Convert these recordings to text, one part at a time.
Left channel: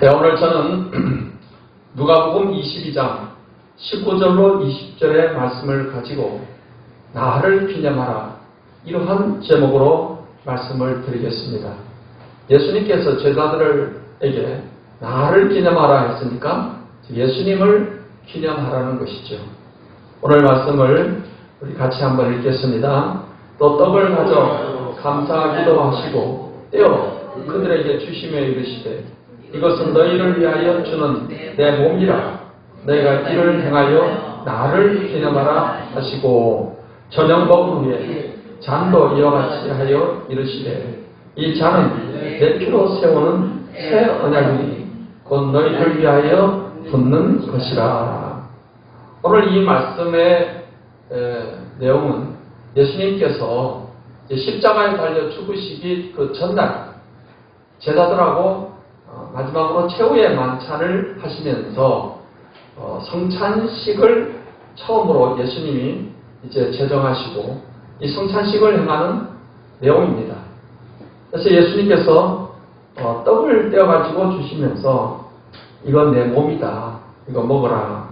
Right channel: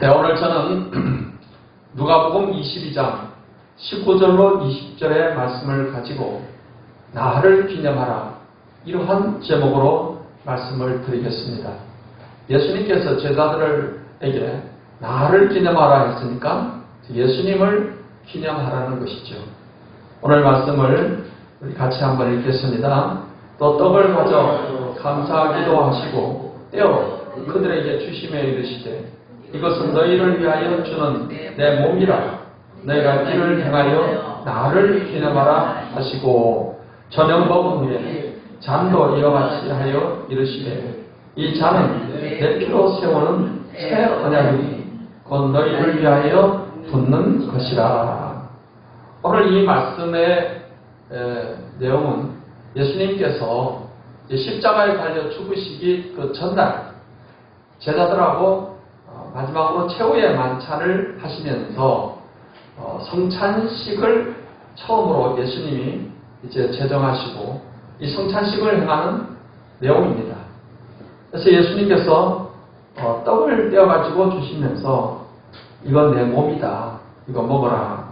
네, 오늘 저는 누가복음 22장 19절로 20절의 말씀을 가지고 나를 기념하라, 이러한 제목으로 말씀을 드리겠습니다. 예수님께서 제자들에게 나를 기념하라 했으니까 예수님을 기념하라는 것이죠. 오늘 말씀을 우리 같이 한번 읽겠습니다. 또 떡을 가져 감사하기도 하시고 떼어 그들에게 주시며 이르시되 이것은 너희를 위하여 주는 내 몸이라. 너희가 이를 행하여 나를 기념하라 하시고 저녁 먹은 후에 잔도 이와 같이 하여 이르시되 이 잔은 내 피로 세우는 새 언약이니 곧 너희를 위하여 붓는 것이라. 오늘 이 말씀의 내용은 예수님께서 십자가에 달려 죽으시기 그 전날 제자들하고 마지막으로 최후의 만찬을 하시면서 성찬식을 처음으로 예수님이 이제 제정하시고 이 성찬식을 행하는 내용입니다. 그래서 예수님께서 떡을 떼어가지고 주시면서 이건 내 몸이다, 이거 먹어라.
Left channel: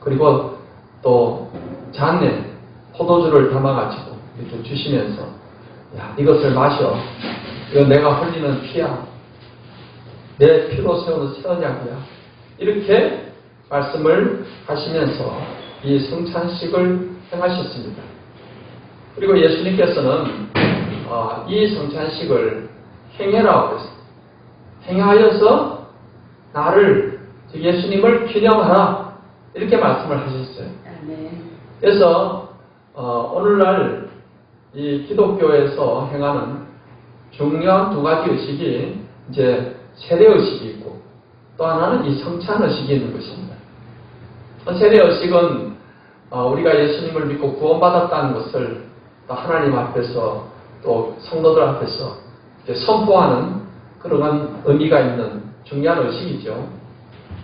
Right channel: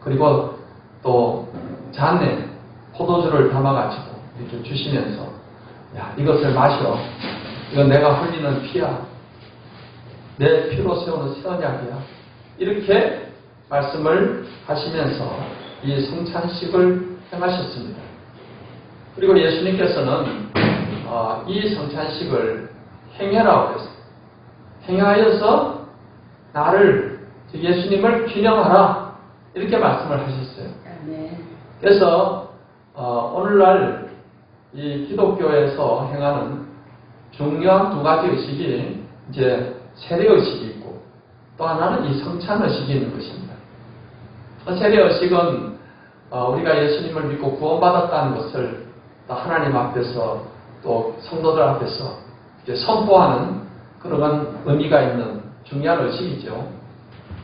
그리고 또 잔에 포도주를 담아가지고 이렇게 주시면서 야, 이것을 마셔. 이건 내가 흘리는 피야. 내 피로 세우는 새 언약이야. 이렇게 말씀을 하시면서 이 성찬식을 행하셨습니다. 그리고 예수님께서는 이 성찬식을 행해라고 했어요. 행하여서 나를, 예수님을 기념하라, 이렇게 말씀을 하셨어요. 그래서 오늘날 이 기독교에서 행하는 중요한 두 가지 의식이 이제 세례의식이 있고 또 하나는 이 성찬의식이 있는 것입니다. 세례의식은 우리가 예수님을 믿고 구원받았다는 것을 또 하나님 앞에서 또 성도들 앞에서 이제 선포하는 그런 의미가 있는 중요한 의식이죠.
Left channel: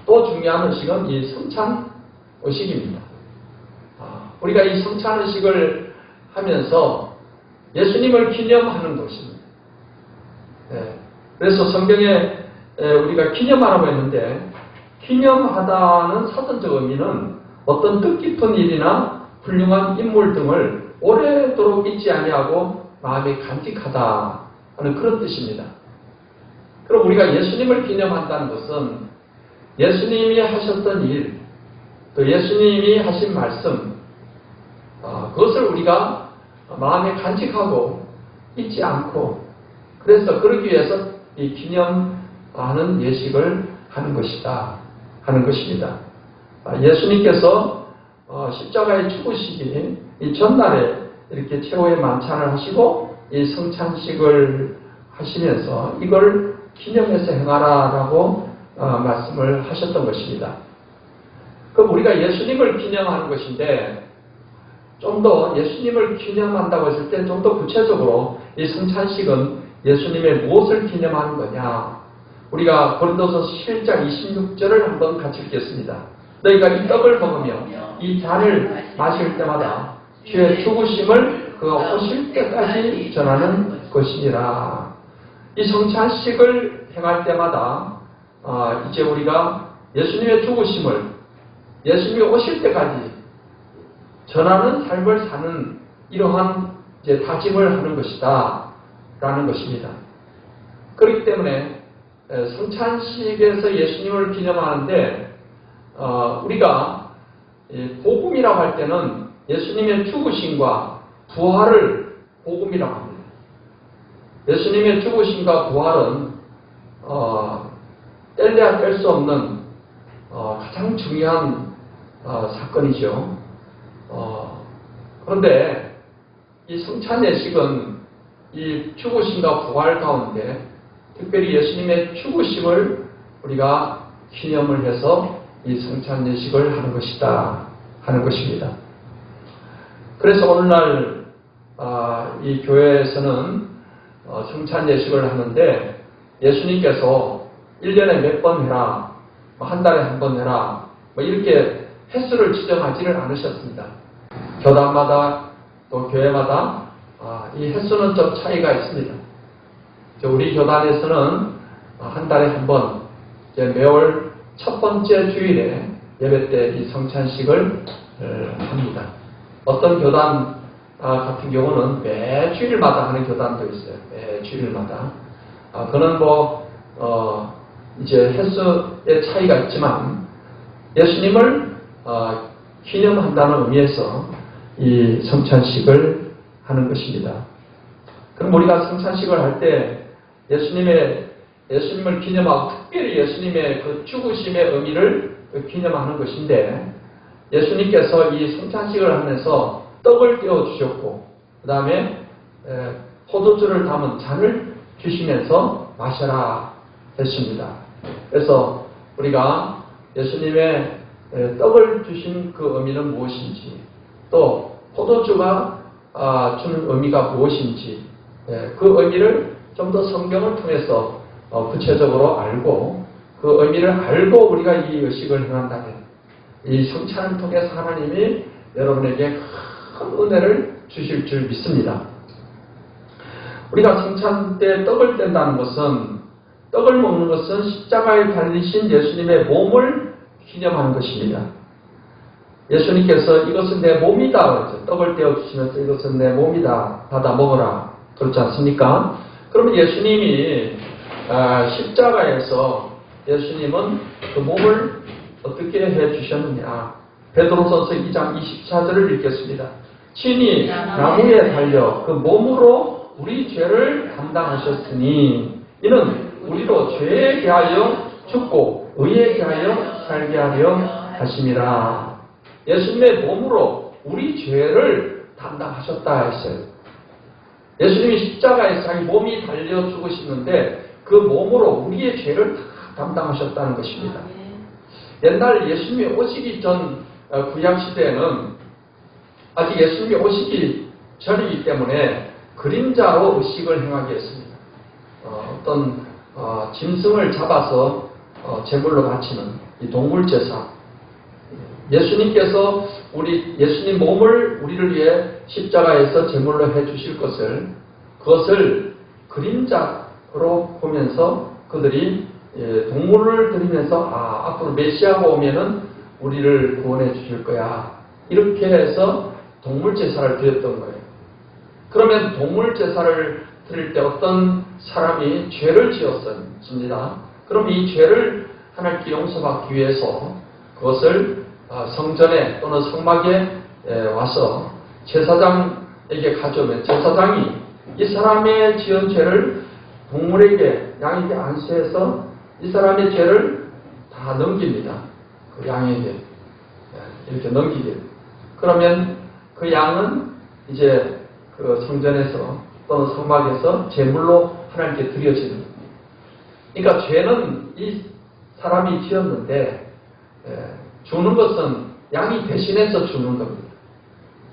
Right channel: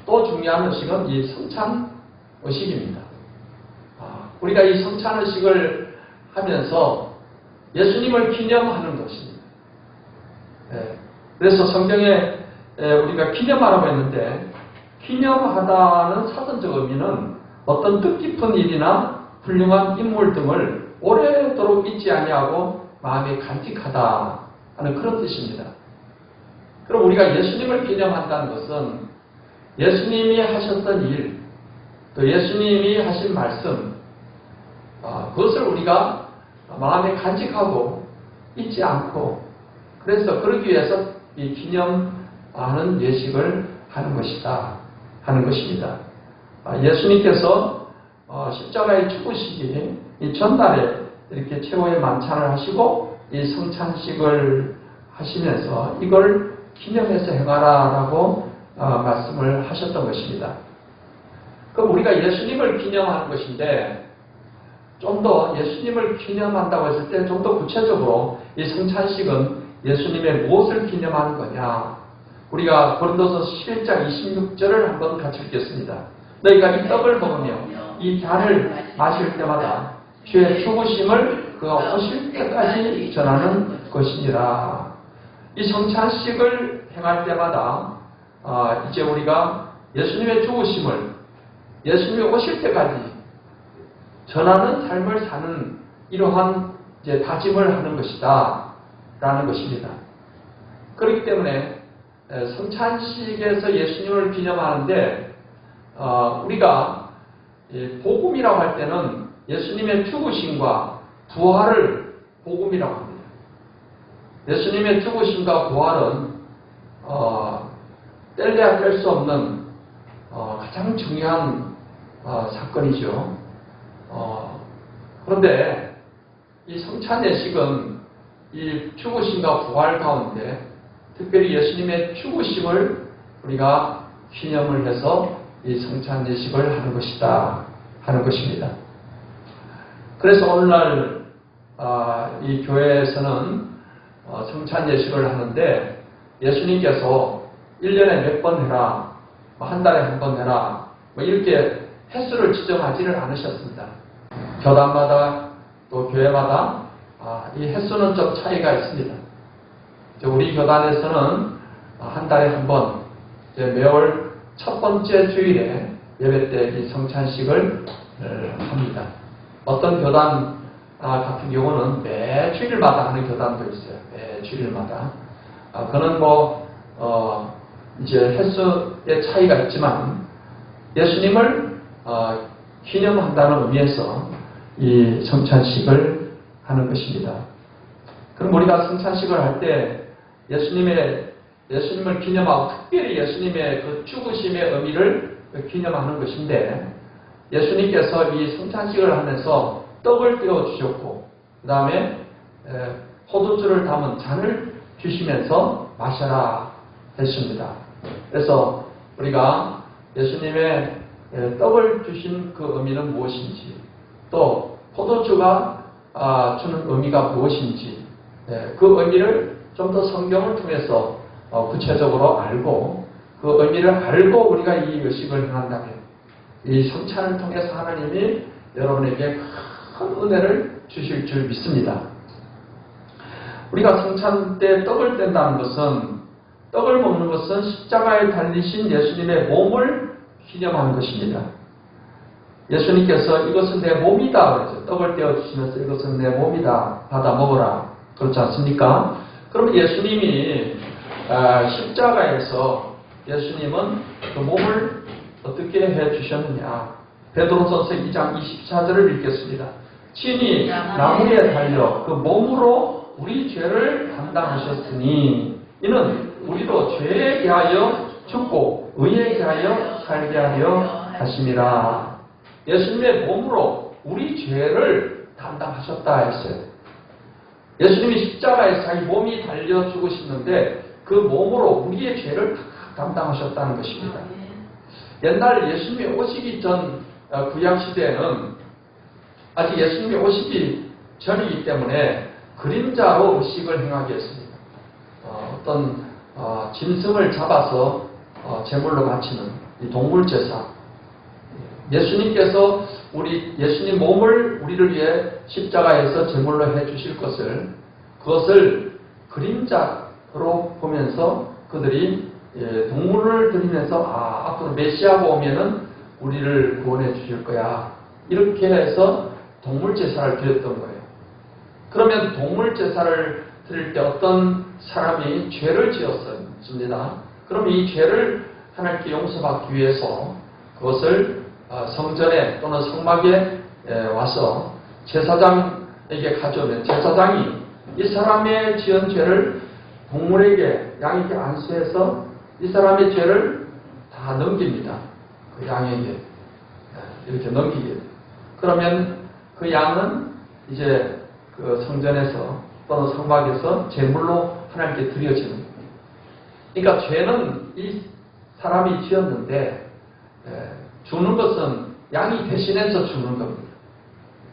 또 중요한 의식은 이 성찬의식입니다. 우리가 이 성찬의식을 하면서 예수님을 기념하는 것입니다. 그래서 성경에 우리가 기념하라고 했는데, 기념하다는 사전적 의미는 어떤 뜻깊은 일이나 훌륭한 인물 등을 오래도록 잊지 아니하고 마음에 간직하다 하는 그런 뜻입니다. 그럼 우리가 예수님을 기념한다는 것은 예수님이 하셨던 일, 또 예수님이 하신 말씀, 그것을 우리가 마음에 간직하고 잊지 않고, 그래서 그러기 위해서 이 기념하는 예식을 하는 것이다 하는 것입니다. 예수님께서 십자가에 죽으시기 이 전날에 이렇게 최후의 만찬을 하시고 이 성찬식을 하시면서 이걸 기념해서 행하라라고 말씀을 하셨던 것입니다. 그럼 우리가 예수님을 기념하는 것인데, 좀 더 예수님을 기념한다고 했을 때 좀 더 구체적으로 이 성찬식은 예수님의 무엇을 기념하는 거냐? 우리가 고린도서 11장 26절을 한번 같이 읽겠습니다. 너희가 이 떡을 먹으며 이 잔을 마실 때마다 주의 죽으심을 그가 오실 때까지 전하는 것이니라. 이 성찬식을 행할 때마다 이제 우리가 예수님의 죽으심을 예수님이 오실 때까지 전하는 삶을 사는 이러한 이제 다짐을 하는 것이다 라는 것입니다. 그렇기 때문에 성찬식에서 예수님을 기념하는데 우리가 복음이라고 할 때는 예수님의 죽으심과 부활을 복음이라고 합니다. 예수님의 죽으심과 부활은 뗄래야 뗄 수 없는 가장 중요한 사건이죠. 그런데 이 성찬 예식은 이 죽으심과 부활 가운데 특별히 예수님의 죽으심을 우리가 기념을 해서 이 성찬 예식을 하는 것이다 하는 것입니다. 그래서 오늘날 이 교회에서는 성찬 예식을 하는데 예수님께서 1년에 몇 번 해라, 한 달에 한 번 해라, 이렇게 횟수를 지정하지를 않으셨습니다. 교단마다 또 교회마다 이 횟수는 좀 차이가 있습니다. 우리 교단에서는 한 달에 한 번, 이제 매월 첫 번째 주일에 예배 때 이 성찬식을 합니다. 어떤 교단 같은 경우는 매 주일마다 하는 교단도 있어요. 매 주일마다. 그는 이제 횟수의 차이가 있지만 예수님을 기념한다는 의미에서 이 성찬식을 하는 것입니다. 그럼 우리가 성찬식을 할 때 예수님을 기념하고 특별히 예수님의 그 죽으심의 의미를 기념하는 것인데 예수님께서 이 성찬식을 하면서 떡을 떼어주셨고 그 다음에 포도주를 담은 잔을 주시면서 마셔라 했습니다. 그래서 우리가 예수님의 떡을 주신 그 의미는 무엇인지 또 포도주가 주는 의미가 무엇인지 그 의미를 좀 더 성경을 통해서 구체적으로 알고 그 의미를 알고 우리가 이 의식을 행한다면 이 성찬을 통해서 하나님이 여러분에게 큰 은혜를 주실 줄 믿습니다. 우리가 성찬 때 떡을 뗀다는 것은 떡을 먹는 것은 십자가에 달리신 예수님의 몸을 기념하는 것입니다. 예수님께서 이것은 내 몸이다 그래서 떡을 떼어주시면서 이것은 내 몸이다 받아 먹어라 그렇지 않습니까? 그러면 예수님이 십자가에서 예수님은 그 몸을 어떻게 해주셨느냐 베드로전서 2장 24절을 읽겠습니다. 친히 나무에 달려 그 몸으로 우리 죄를 담당하셨으니 이는 우리도 죄에 대하여 죽고 의에 대하여 살게 하려 하심이라. 예수님의 몸으로 우리 죄를 담당하셨다 했어요. 예수님이 십자가에 자기 몸이 달려 죽으시는데 그 몸으로 우리의 죄를 다 담당하셨다는 것입니다. 옛날 예수님이 오시기 전 구약시대에는 아직 예수님이 오시기 전이기 때문에 그림자로 의식을 행하게 했습니다. 어떤 짐승을 잡아서 제물로 바치는 이 동물제사. 예수님께서 예수님 몸을 우리를 위해 십자가에서 제물로 해주실 그것을 그림자로 보면서 그들이 동물을 드리면서 앞으로 메시아가 오면은 우리를 구원해 주실 거야. 이렇게 해서 동물 제사를 드렸던 거예요. 그러면 동물 제사를 드릴 때 어떤 사람이 죄를 지었습니다. 그럼 이 죄를 하나님께 용서받기 위해서 그것을 성전에 또는 성막에 와서 제사장에게 가져오면 제사장이 이 사람의 지은 죄를 동물에게 양에게 안수해서 이 사람의 죄를 다 넘깁니다. 그 양에게 이렇게 넘기게. 그러면 그 양은 이제 그 성전에서 또는 성막에서 제물로 하나님께 드려지는 겁니다. 그러니까 죄는 이 사람이 지었는데 주는 것은 양이 대신해서 주는 겁니다.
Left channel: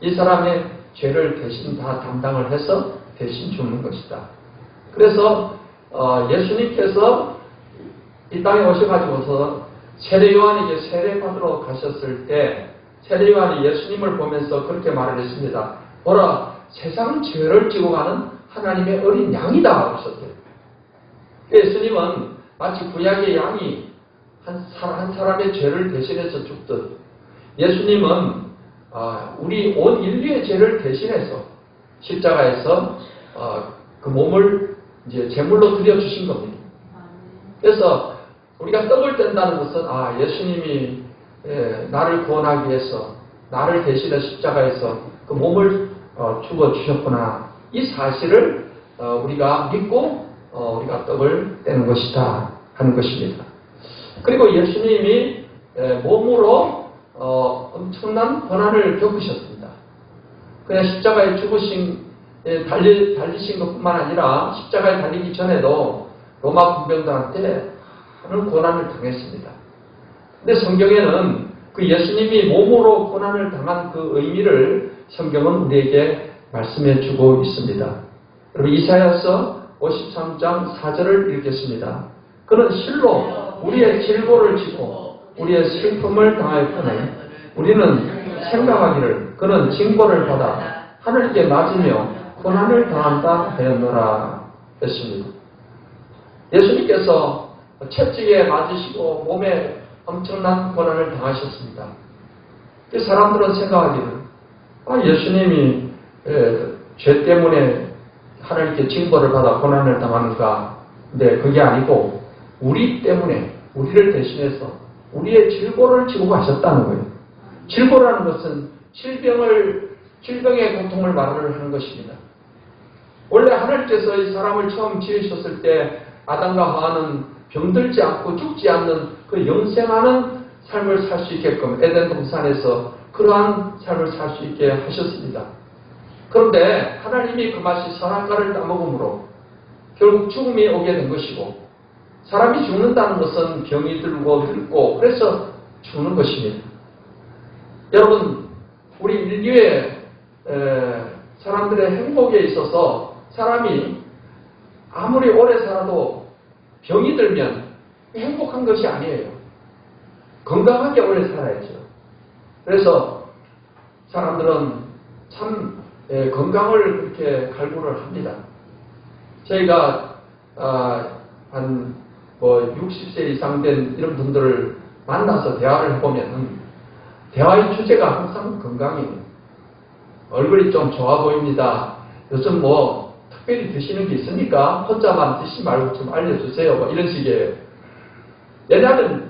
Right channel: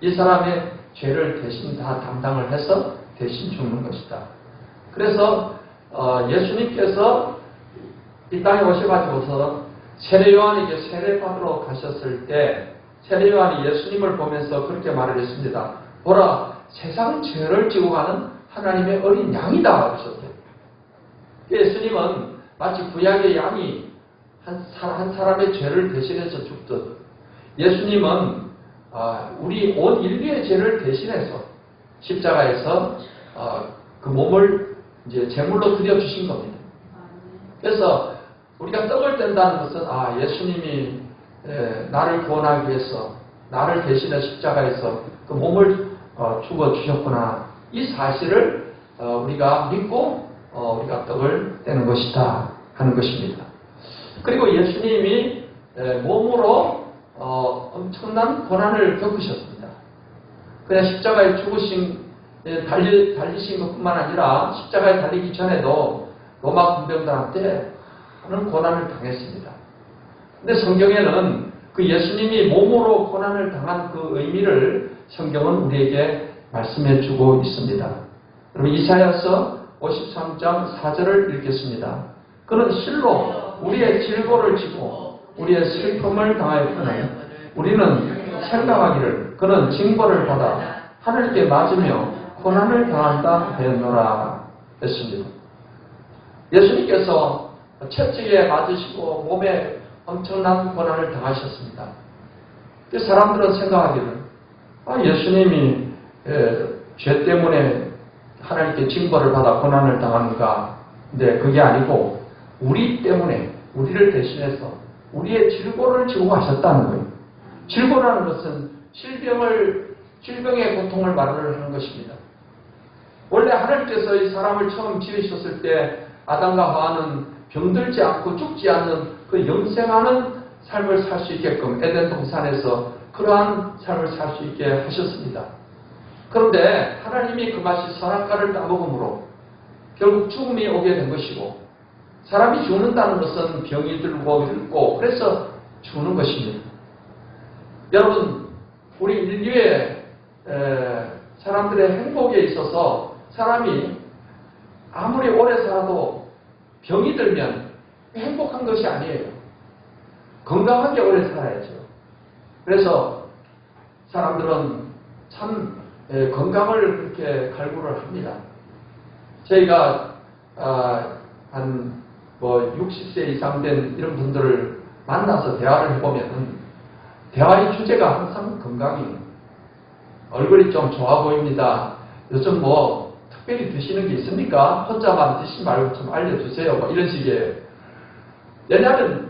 이 사람의 죄를 대신 다 담당을 해서 대신 주는 것이다. 그래서 예수님께서 이 땅에 오셔가지고서 세례요한에게 세례받으러 가셨을 때 세례요한이 예수님을 보면서 그렇게 말을 했습니다. 보라, 세상 죄를 지고 가는 하나님의 어린 양이다 하셨대요. 예수님은 마치 구약의 양이 한 사람의 죄를 대신해서 죽듯 예수님은 우리 온 인류의 죄를 대신해서 십자가에서 그 몸을 이제 제물로 드려주신 겁니다. 그래서 우리가 떡을 뗀다는 것은 예수님이 나를 구원하기 위해서 나를 대신해 십자가에서 그 몸을 죽어주셨구나. 이 사실을 우리가 믿고 우리가 떡을 떼는 것이다 하는 것입니다. 그리고 예수님이 몸으로 엄청난 고난을 겪으셨습니다. 그냥 십자가에 달리신 것뿐만 아니라 십자가에 달리기 전에도 로마 군병들한테 많은 고난을 당했습니다. 근데 성경에는 그 예수님이 몸으로 고난을 당한 그 의미를 성경은 우리에게 말씀해 주고 있습니다. 그리고 이사야서 53장 4절을 읽겠습니다. 그는 실로 우리의 질고를 지고 우리의 슬픔을 당하였거늘 우리는 생각하기를 그는 징벌을 받아 하늘께 맞으며 고난을 당한다 하였노라 했습니다. 예수님께서 채찍에 맞으시고 몸에 엄청난 고난을 당하셨습니다. 사람들은 생각하기를 예수님이 죄 때문에 하나님께 징벌을 받아 고난을 당하는가? 근데 그게 아니고 우리 때문에 우리를 대신해서 우리의 질고를 지고 가셨다는 거예요. 질고라는 것은 질병의 고통을 말하는 것입니다. 원래 하나님께서 이 사람을 처음 지으셨을 때 아담과 하와는 병들지 않고 죽지 않는 그 영생하는 삶을 살 수 있게끔 에덴 동산에서 그러한 삶을 살 수 있게 하셨습니다. 그런데 하나님이 그 맛이 선악과를 따먹음으로 결국 죽음이 오게 된 것이고, 사람이 죽는다는 것은 병이 들고 늙고 그래서 죽는 것입니다. 여러분, 우리 인류의 사람들의 행복에 있어서 사람이 아무리 오래 살아도 병이 들면 행복한 것이 아니에요. 건강하게 오래 살아야죠. 그래서 사람들은 참 건강을 그렇게 갈구를 합니다. 저희가 한 60세 이상 된 이런 분들을 만나서 대화를 해보면 대화의 주제가 항상 건강이에요. 얼굴이 좀 좋아 보입니다. 요즘 특별히 드시는 게 있습니까? 혼자만 드시지 말고 좀 알려주세요. 이런 식이에요. 왜냐하면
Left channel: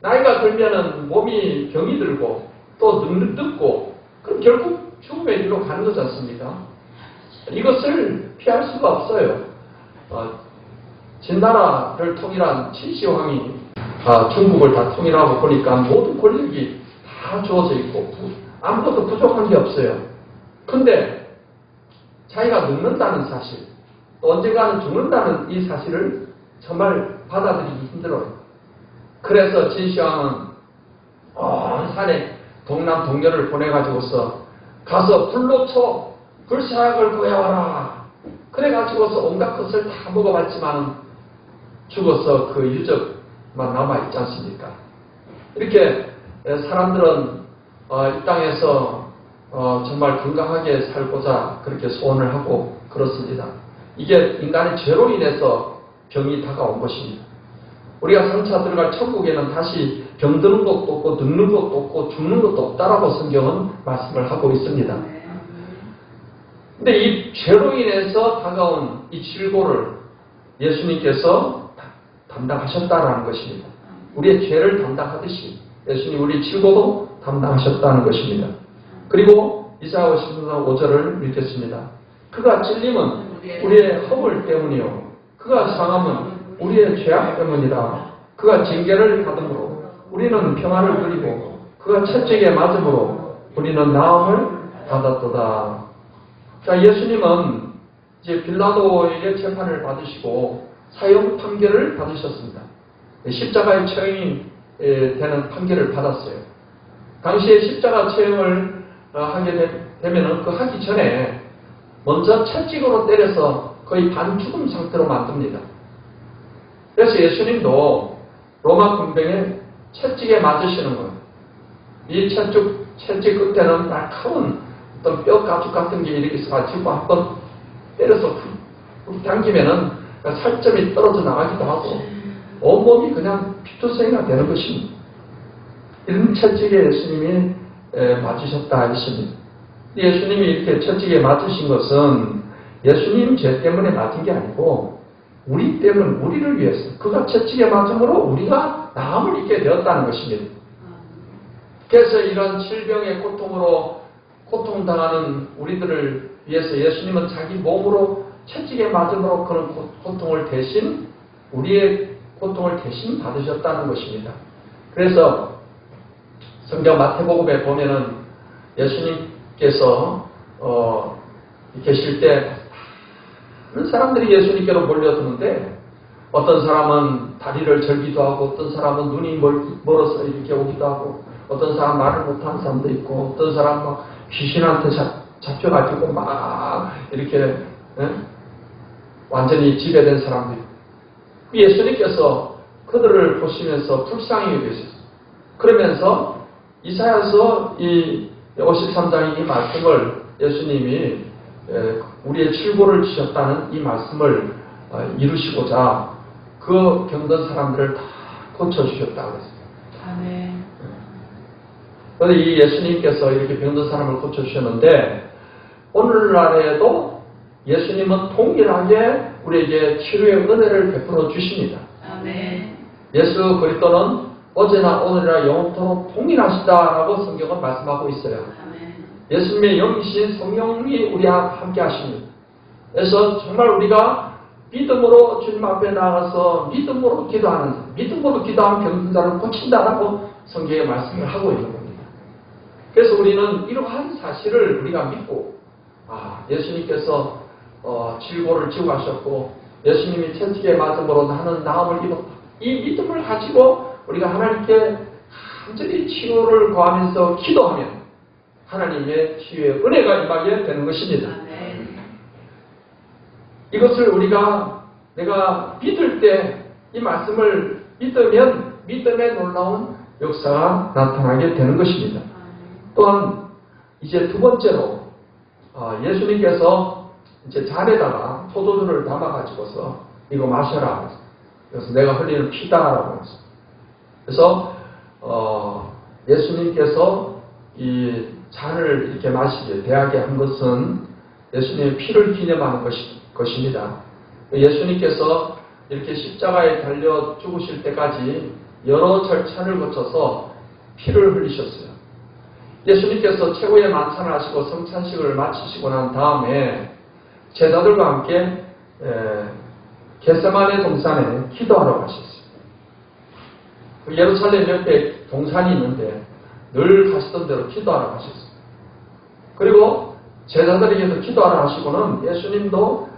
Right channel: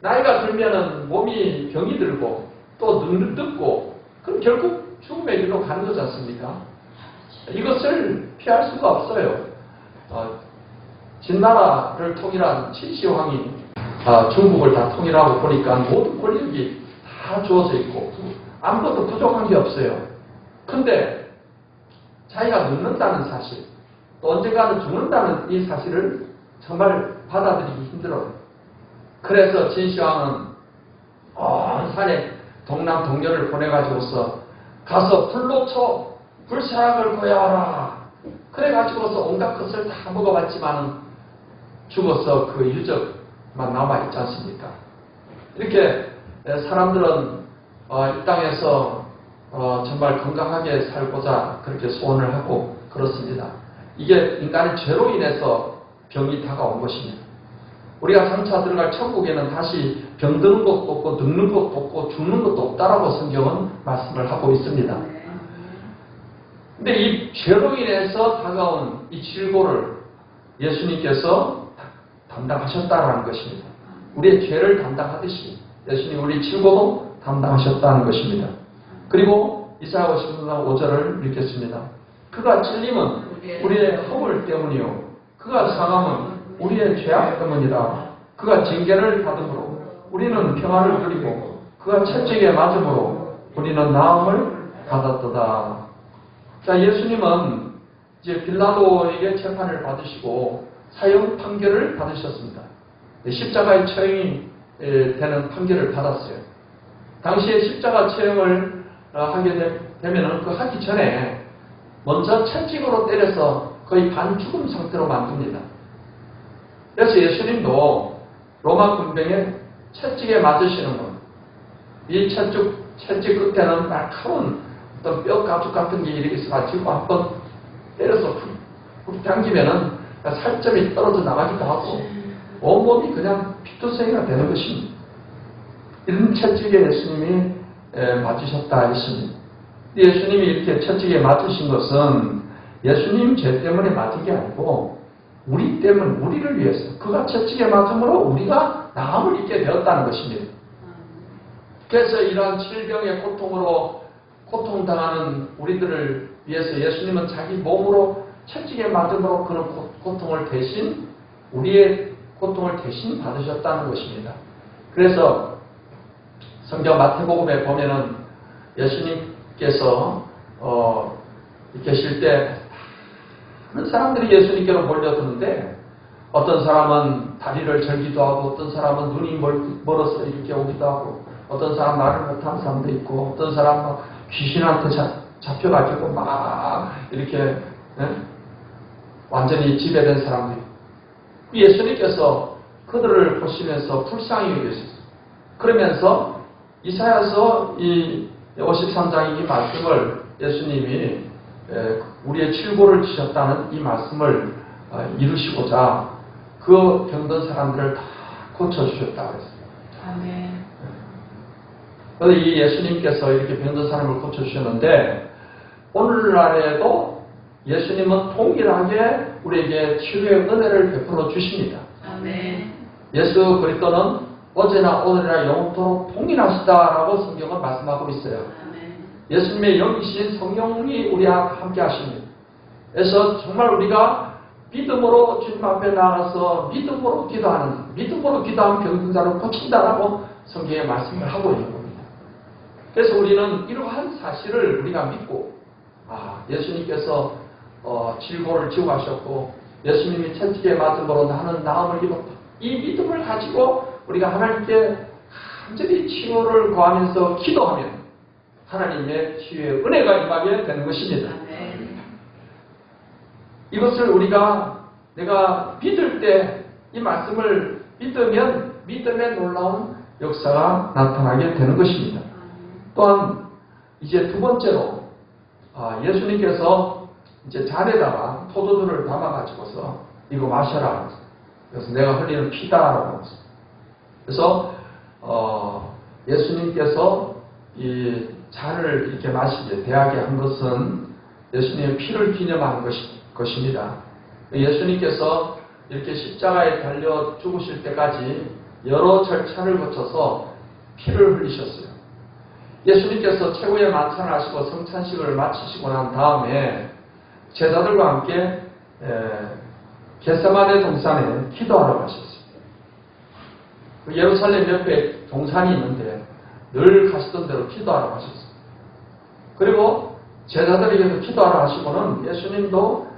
나이가 들면은 몸이 병이 들고 또 늙고 그럼 결국 죽음의 길로 가는 거지 않습니까? 이것을 피할 수가 없어요. 진나라를 통일한 진시황이 중국을 다 통일하고 보니까 모든 권력이 다 주어져 있고 아무것도 부족한 게 없어요. 근데 자기가 늙는다는 사실, 또 언젠가는 죽는다는 이 사실을 정말 받아들이기 힘들어요. 그래서 진시황은 온 산에 동남 동료를 보내가지고서 가서 불로 쳐 불사약을 구해와라. 그래가지고서 온갖 것을 다 먹어봤지만 죽어서 그 유적만 남아있지 않습니까? 이렇게 사람들은 이 땅에서 정말 건강하게 살고자 그렇게 소원을 하고 그렇습니다. 이게 인간의 죄로 인해서 병이 다가온 것입니다. 우리가 장차 들어갈 천국에는 다시 병드는 것도 없고 늙는 것도 없고 죽는 것도 없다라고 성경은 말씀을 하고 있습니다. 근데 이 죄로 인해서 다가온 이 질고를 예수님께서 담당하셨다라는 것입니다. 우리의 죄를 담당하듯이 예수님 우리 질고도 담당하셨다는 것입니다. 그리고 이사야 53장 5절을 읽겠습니다. 그가 찔림은 우리의 허물 때문이요 그가 상함은 우리의 죄악 때문이라. 그가 징계를 받음으로 우리는 평안을 누리고 그가 채찍에 맞음으로 우리는 나음을 받았도다. 자, 예수님은 이제 빌라도에게 재판을 받으시고 사형 판결을 받으셨습니다. 십자가의 처형이 되는 판결을 받았어요. 당시에 십자가 처형을 하게 되면은 그 하기 전에 먼저 채찍으로 때려서 거의 반죽음 상태로 만듭니다. 그래서 예수님도 로마 군병에 채찍에 맞으시는 거예요. 이 채찍 끝에는 날카로운 어떤 뼈 가죽 같은 게 이렇게 있어가지고 한번 때려서 당기면은 살점이 떨어져 나가기도 하고 온몸이 그냥 피투성이가 되는 것입니다. 이런 채찍에 예수님이 맞으셨다 했습니다. 예수님이 이렇게 채찍에 맞으신 것은 예수님 죄 때문에 맞은 게 아니고 우리 때문에, 우리를 위해서 그가 채찍에 맞음으로 우리가 나음을 입게 되었다는 것입니다. 그래서 이런 질병의 고통으로 고통당하는 우리들을 위해서 예수님은 자기 몸으로 채찍에 맞음으로 그런 고통을 대신, 우리의 고통을 대신 받으셨다는 것입니다. 그래서 성경 마태복음에 보면은 예수님께서 계실 때 많은 사람들이 예수님께로 몰려드는데 어떤 사람은 다리를 절기도 하고 어떤 사람은 눈이 멀어서 이렇게 오기도 하고 어떤 사람 말을 못하는 사람도 있고 어떤 사람 막 귀신한테 잡혀가지고 막 이렇게 완전히 지배된 사람도 있고 예수님께서 그들을 보시면서 불쌍히 여기셨어요. 그러면서 이사야서 이 53장 이 말씀을 예수님이 우리의 질고를 지셨다는 이 말씀을 이루시고자 그 병든 사람들을 다 고쳐주셨다 그랬습니다. 아멘. 그런데 이 예수님께서 이렇게 병든 사람을 고쳐주셨는데 오늘날에도 예수님은 동일하게 우리에게 치유의 은혜를 베풀어 주십니다. 아멘. 예수 그리스도는 어제나 오늘이나 영원토록 동일하시다라고 성경은 말씀하고 있어요. 아멘. 예수님의 영이신 성령이 우리와 함께 하십니다. 그래서 정말 우리가 믿음으로 주님 앞에 나가서 믿음으로 기도하는 병든 자는 고친다라고 성경에 말씀을 하고 있는 겁니다. 그래서 우리는 이러한 사실을 우리가 믿고 예수님께서 질고를 지고 가셨고 예수님이 채찍에 맞음으로 나는 나음을 입었다. 이 믿음을 가지고 우리가 하나님께 간절히 치유를 구하면서 기도하면 하나님의 치유의 은혜가 임하게 되는 것입니다. 아멘. 이것을 내가 믿을 때 이 말씀을 믿으면 믿음의 놀라운 역사가 나타나게 되는 것입니다. 또한 이제 두 번째로 예수님께서 이제 잔에다가 포도주를 담아가지고서 이거 마셔라. 그래서 내가 흘리는 피다라고 했어요. 그래서 예수님께서 이 잔을 이렇게 마시게 대하게 한 것은 예수님의 피를 기념하는 것입니다. 예수님께서 이렇게 십자가에 달려 죽으실 때까지 여러 절차를 거쳐서 피를 흘리셨어요. 예수님께서 최고의 만찬을 하시고 성찬식을 마치시고 난 다음에 제자들과 함께 겟세마네 동산에 기도하러 가셨어요. 예루살렘 옆에 동산이 있는데 늘 가시던 대로 기도하러 가셨어요. 그리고 제자들에게서 기도하러 하시고는 예수님도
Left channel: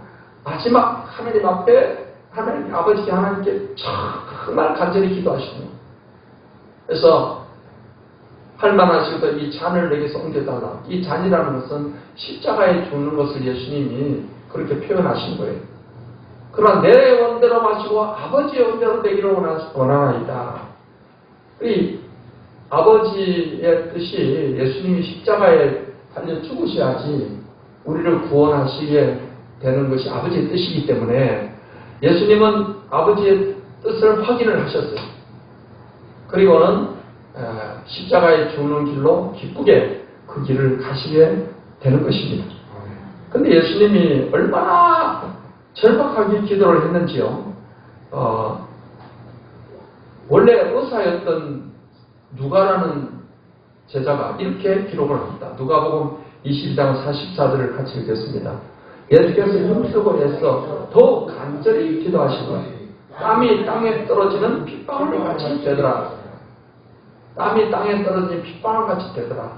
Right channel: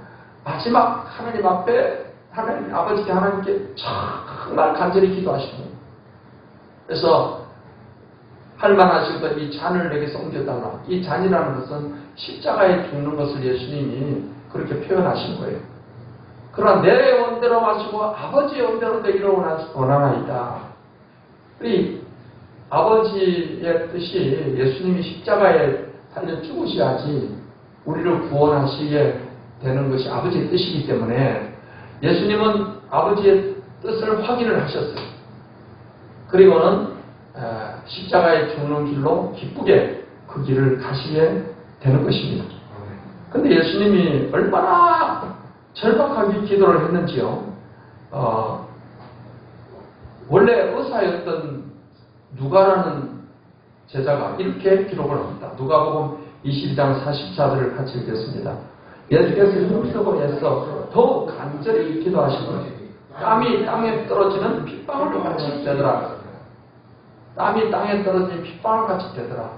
마지막 하나님 앞에 하나님 아버지 하나님께 정말 간절히 기도하시고 그래서 할만하시거든 이 잔을 내게서 옮겨달라. 이 잔이라는 것은 십자가에 죽는 것을 예수님이 그렇게 표현하신 거예요. 그러나 내 원대로 마시고 아버지의 원대로 되기를 원하나이다. 이 아버지의 뜻이 예수님이 십자가에 달려 죽으셔야지 우리를 구원하시게 되는 것이 아버지의 뜻이기 때문에 예수님은 아버지의 뜻을 확인을 하셨어요. 그리고는 십자가에 죽는 길로 기쁘게 그 길을 가시게 되는 것입니다. 그런데 예수님이 얼마나 절박하게 기도를 했는지요. 원래 의사였던 누가라는 제자가 이렇게 기록을 합니다. 누가복음 22장 44절을 같이 읽겠습니다. 예수께서 힘쓰고 애써 더욱 간절히 기도하시고 땀이 땅에 떨어지는 핏방울 같이 되더라. 땀이 땅에 떨어지는 핏방울 같이 되더라.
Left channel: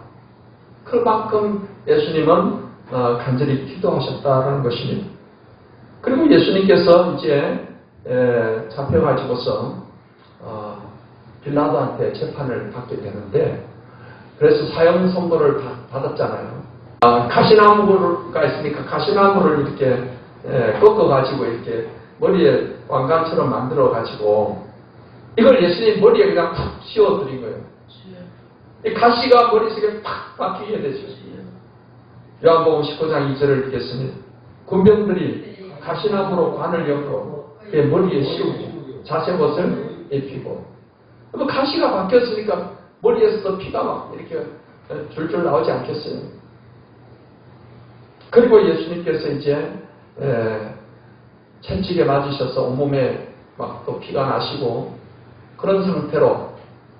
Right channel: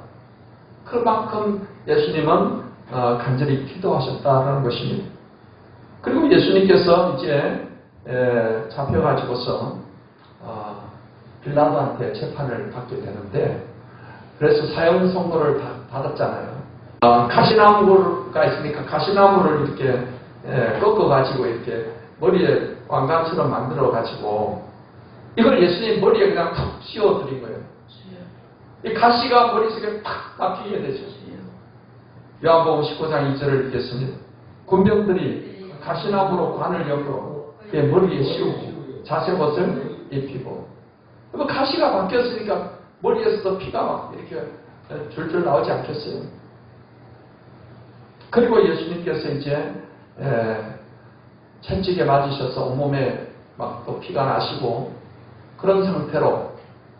그만큼 예수님은 간절히 기도하셨다는 것입니다. 그리고 예수님께서 이제 잡혀가지고서 빌라도한테 재판을 받게 되는데 그래서 사형 선고를 받았잖아요. 가시나무가 있으니까 가시나무를 이렇게 꺾어가지고 이렇게 머리에 왕관처럼 만들어가지고 이걸 예수님 머리에 그냥 탁 씌워드린 거예요. 이 가시가 머릿속에 탁 박히게 되죠. 요한복음 19장 2절을 읽겠습니다. 군병들이 가시나무로 관을 엮어 머리에 씌우고 자색옷을 입히고 가시가 박혔으니까 머리에서도 피가 막 이렇게 줄줄 나오지 않겠어요. 그리고 예수님께서 이제 채찍에 맞으셔서 온몸에 막 또 피가 나시고 그런 상태로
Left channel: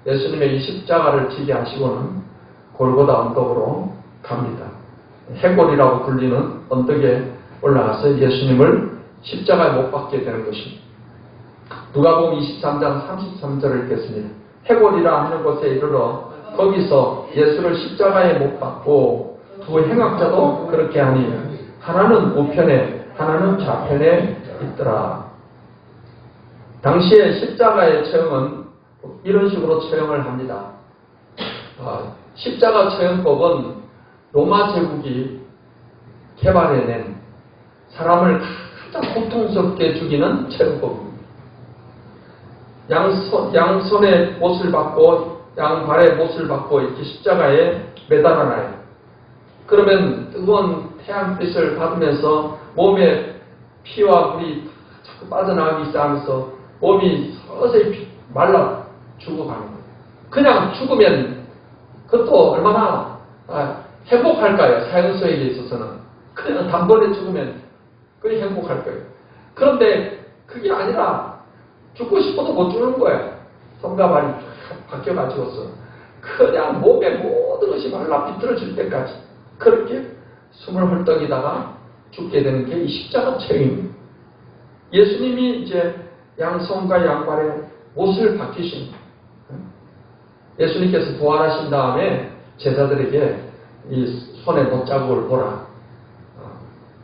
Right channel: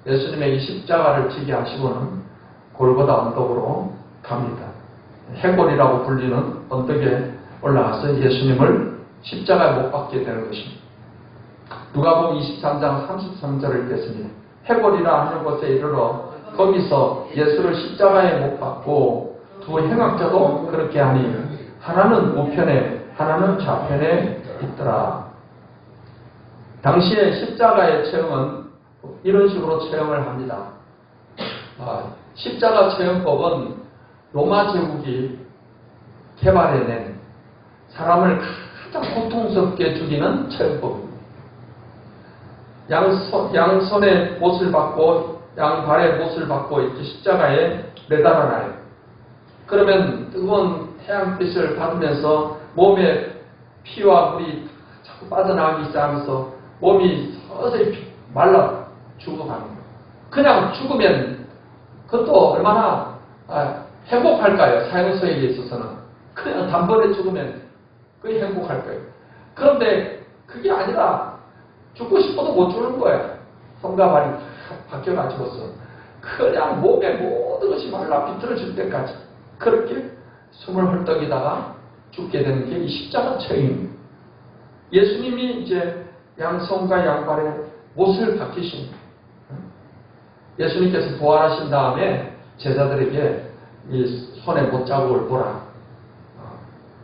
예수님의 이 십자가를 지게 하시고는 골고다 언덕으로 갑니다. 해골이라고 불리는 언덕에 올라가서 예수님을 십자가에 못 박게 되는 것입니다. 누가복음 23장 33절을 읽겠습니다. 해골이라 하는 곳에 이르러 거기서 예수를 십자가에 못 박고 두 행악자도 그렇게 하니 하나는 우편에 하나는 좌편에 있더라. 당시에 십자가의 체형은 이런 식으로 체형을 합니다. 십자가 체형법은 로마 제국이 개발해낸 사람을 가장 고통스럽게 죽이는 체형법입니다. 양손에 못을 받고 양발에 못을 받고 이렇게 십자가에 매달아놔요. 그러면 뜨거운 태양빛을 받으면서 몸에 피와 물이 자꾸 빠져나가기 시작하면서 몸이 서서히 말라 죽어가는 거예요. 그냥 죽으면 그것도 얼마나 행복할까요? 사형수에게 있어서는. 그냥 단번에 죽으면 그게 행복할 거예요. 그런데 그게 아니라 죽고 싶어도 못 죽는 거야. 손과 발이 바뀌어가지고서 그냥 몸의 모든 것이 말라 비틀어질 때까지 그렇게 숨을 헐떡이다가 죽게 되는 게 이 십자가 처형입니다. 예수님이 이제 양손과 양발에 못을 박히신 거예요. 예수님께서 부활하신 다음에 제자들에게 이 손에 못자국을 보라.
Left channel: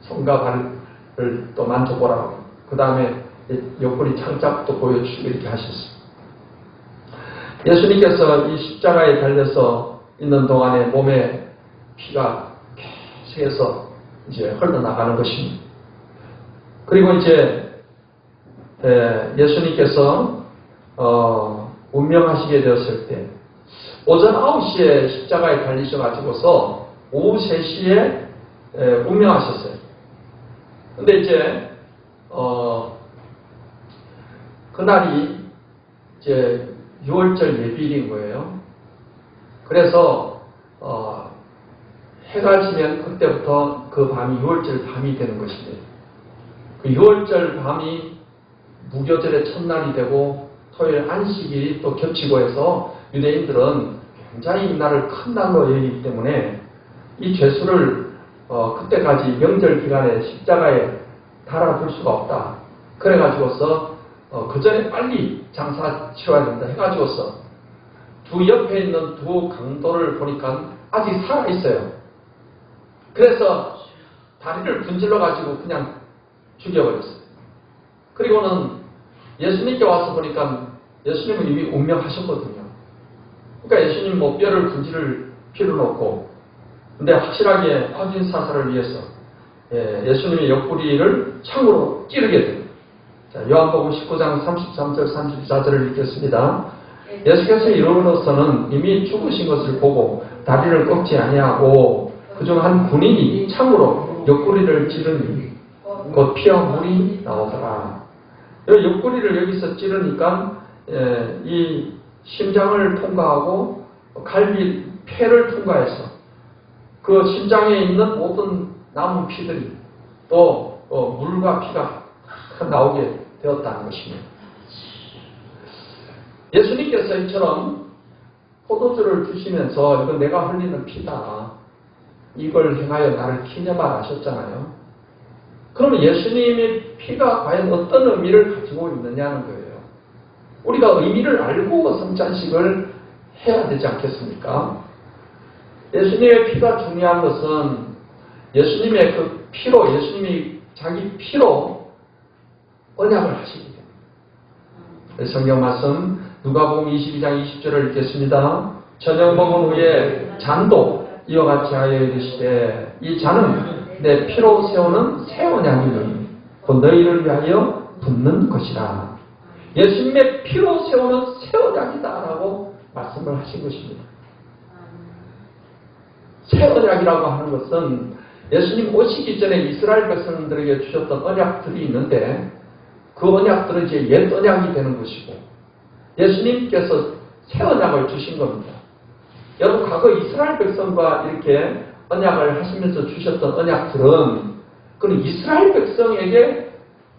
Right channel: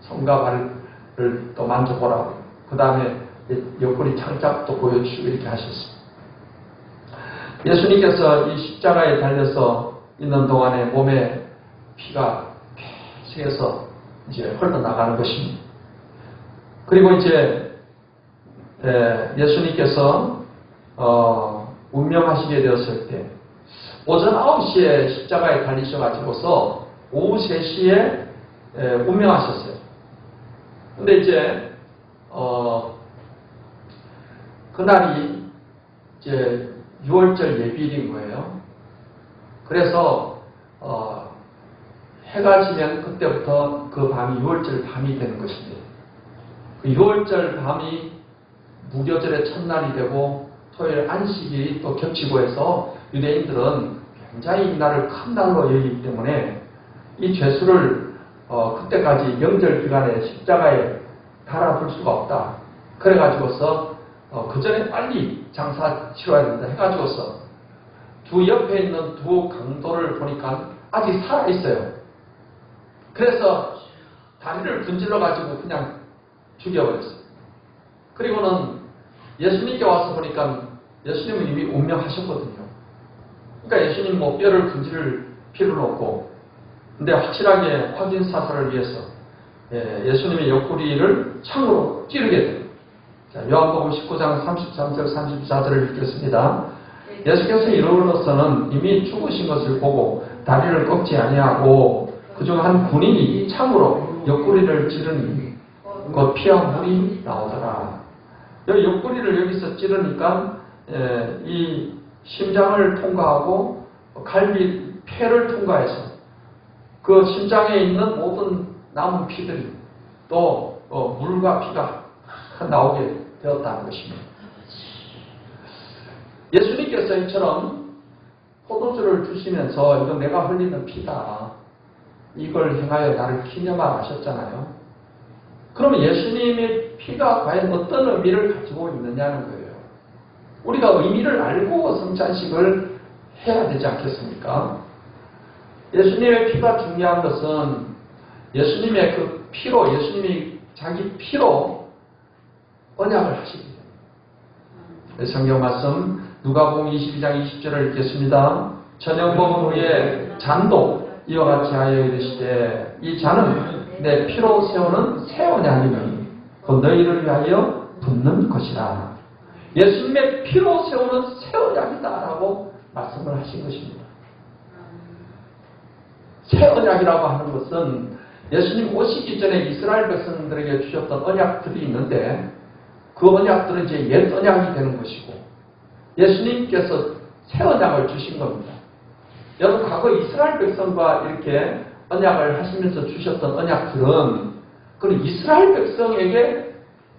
손과 발을 또 만져보라. 그 다음에 옆구리 창짝도 보여주시고 이렇게 하셨어요. 예수님께서 이 십자가에 달려서 있는 동안에 몸에 피가 계속해서 이제 흘러나가는 것입니다. 그리고 이제 예수님께서 운명하시게 되었을 때 오전 9시에 십자가에 달리셔가지고서 오후 3시에 운명하셨어요. 근데 이제 그날이 이제 6월절 예비일인 거예요. 그래서 해가 지면 그때부터 그 밤이 6월절 밤이 되는 것입니다. 그 6월절 밤이 무교절의 첫날이 되고 토요일 안식일이 또 겹치고 해서 유대인들은 굉장히 이 날을 큰 날로 여기기 때문에 이 죄수를 그때까지 명절 기간에 십자가에 달아둘 수가 없다. 그래가지고서 그 전에 빨리 장사 치러야 된다 해가지고서 두 옆에 있는 두 강도를 보니까 아직 살아있어요. 그래서 다리를 분질러가지고 그냥 죽여버렸어요. 그리고는 예수님께 와서 보니까 예수님은 이미 운명하셨거든요. 그러니까 예수님 뭐 뼈를 분질을 필요는 없고, 근데 확실하게 확인 사살을 위해서 예수님의 옆구리를 창으로 찌르게 돼요. 자, 요한복음 19장 33절 34절을 읽겠습니다. 예수께서 이르러서는 이미 죽으신 것을 보고 다리를 꺾지 아니하고 그중 한 군인이 창으로 옆구리를 찌르니 그 피와 물이 나오더라. 여기 옆구리를 여기서 찌르니까 이 심장을 통과하고 갈비 폐를 통과해서 그 심장에 있는 모든 남은 피들이 또 물과 피가 나오게 되었다는 것입니다. 예수님께서 이처럼 포도주를 주시면서 이거 내가 흘리는 피다. 이걸 행하여 나를 기념하라 하셨잖아요. 그러면 예수님의 피가 과연 어떤 의미를 가지고 있느냐는 거예요. 우리가 의미를 알고 성찬식을 해야 되지 않겠습니까? 예수님의 피가 중요한 것은 예수님의 그 피로, 예수님이 자기 피로 언약을 하십니다. 성경 말씀 누가복음 22장 20절을 읽겠습니다. 저녁 먹은 후에 잔도 이와 같이 하여 이르시되 이 잔은 내 피로 세우는 새 언약이니 곧 너희를 위하여 붓는 것이라. 예수님의 피로 세우는 새 언약이다라고 말씀을 하신 것입니다. 새 언약이라고 하는 것은 예수님 오시기 전에 이스라엘 백성들에게 주셨던 언약들이 있는데 그 언약들은 이제 옛 언약이 되는 것이고 예수님께서 새 언약을 주신 겁니다. 여러분 과거 이스라엘 백성과 이렇게 언약을 하시면서 주셨던 언약들은 그건 이스라엘 백성에게